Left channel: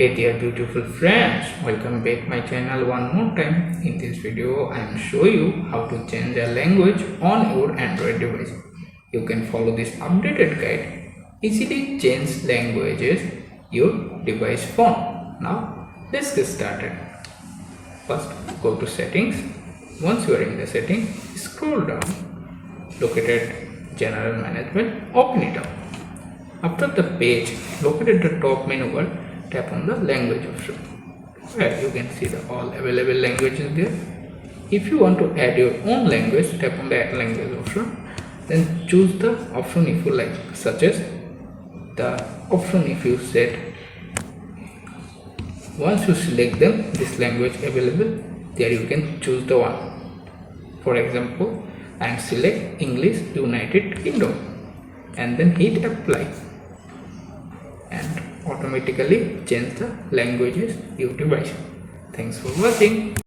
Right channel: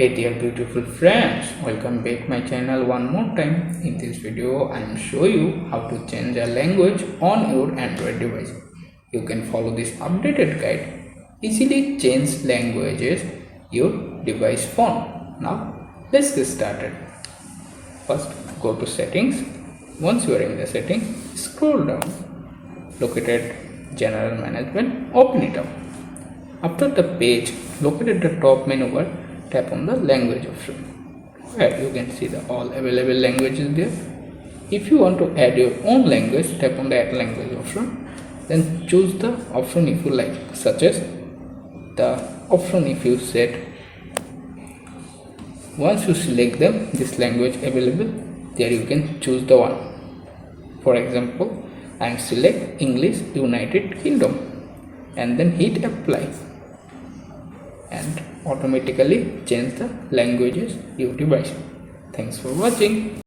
Hey there beautiful friends, welcome back my channel one more time. In this video I am show you how to change a language on your Android device. You can follow this updated guide. Easily change languages your device phone. Now let's get started. First go to settings. Once you are in the settings, scroll down, located general management, open it up. After the page, located the top menu bar, tap on the language option, where you can see the all available languages there. If you want to add your own language, tap on the add language option, then choose the option if you like, such as the option if you set. Once you select them, this language available, there you can choose the one. For example, I am select English United Kingdom and then hit apply, and automatically change the languages your device. Thanks for watching.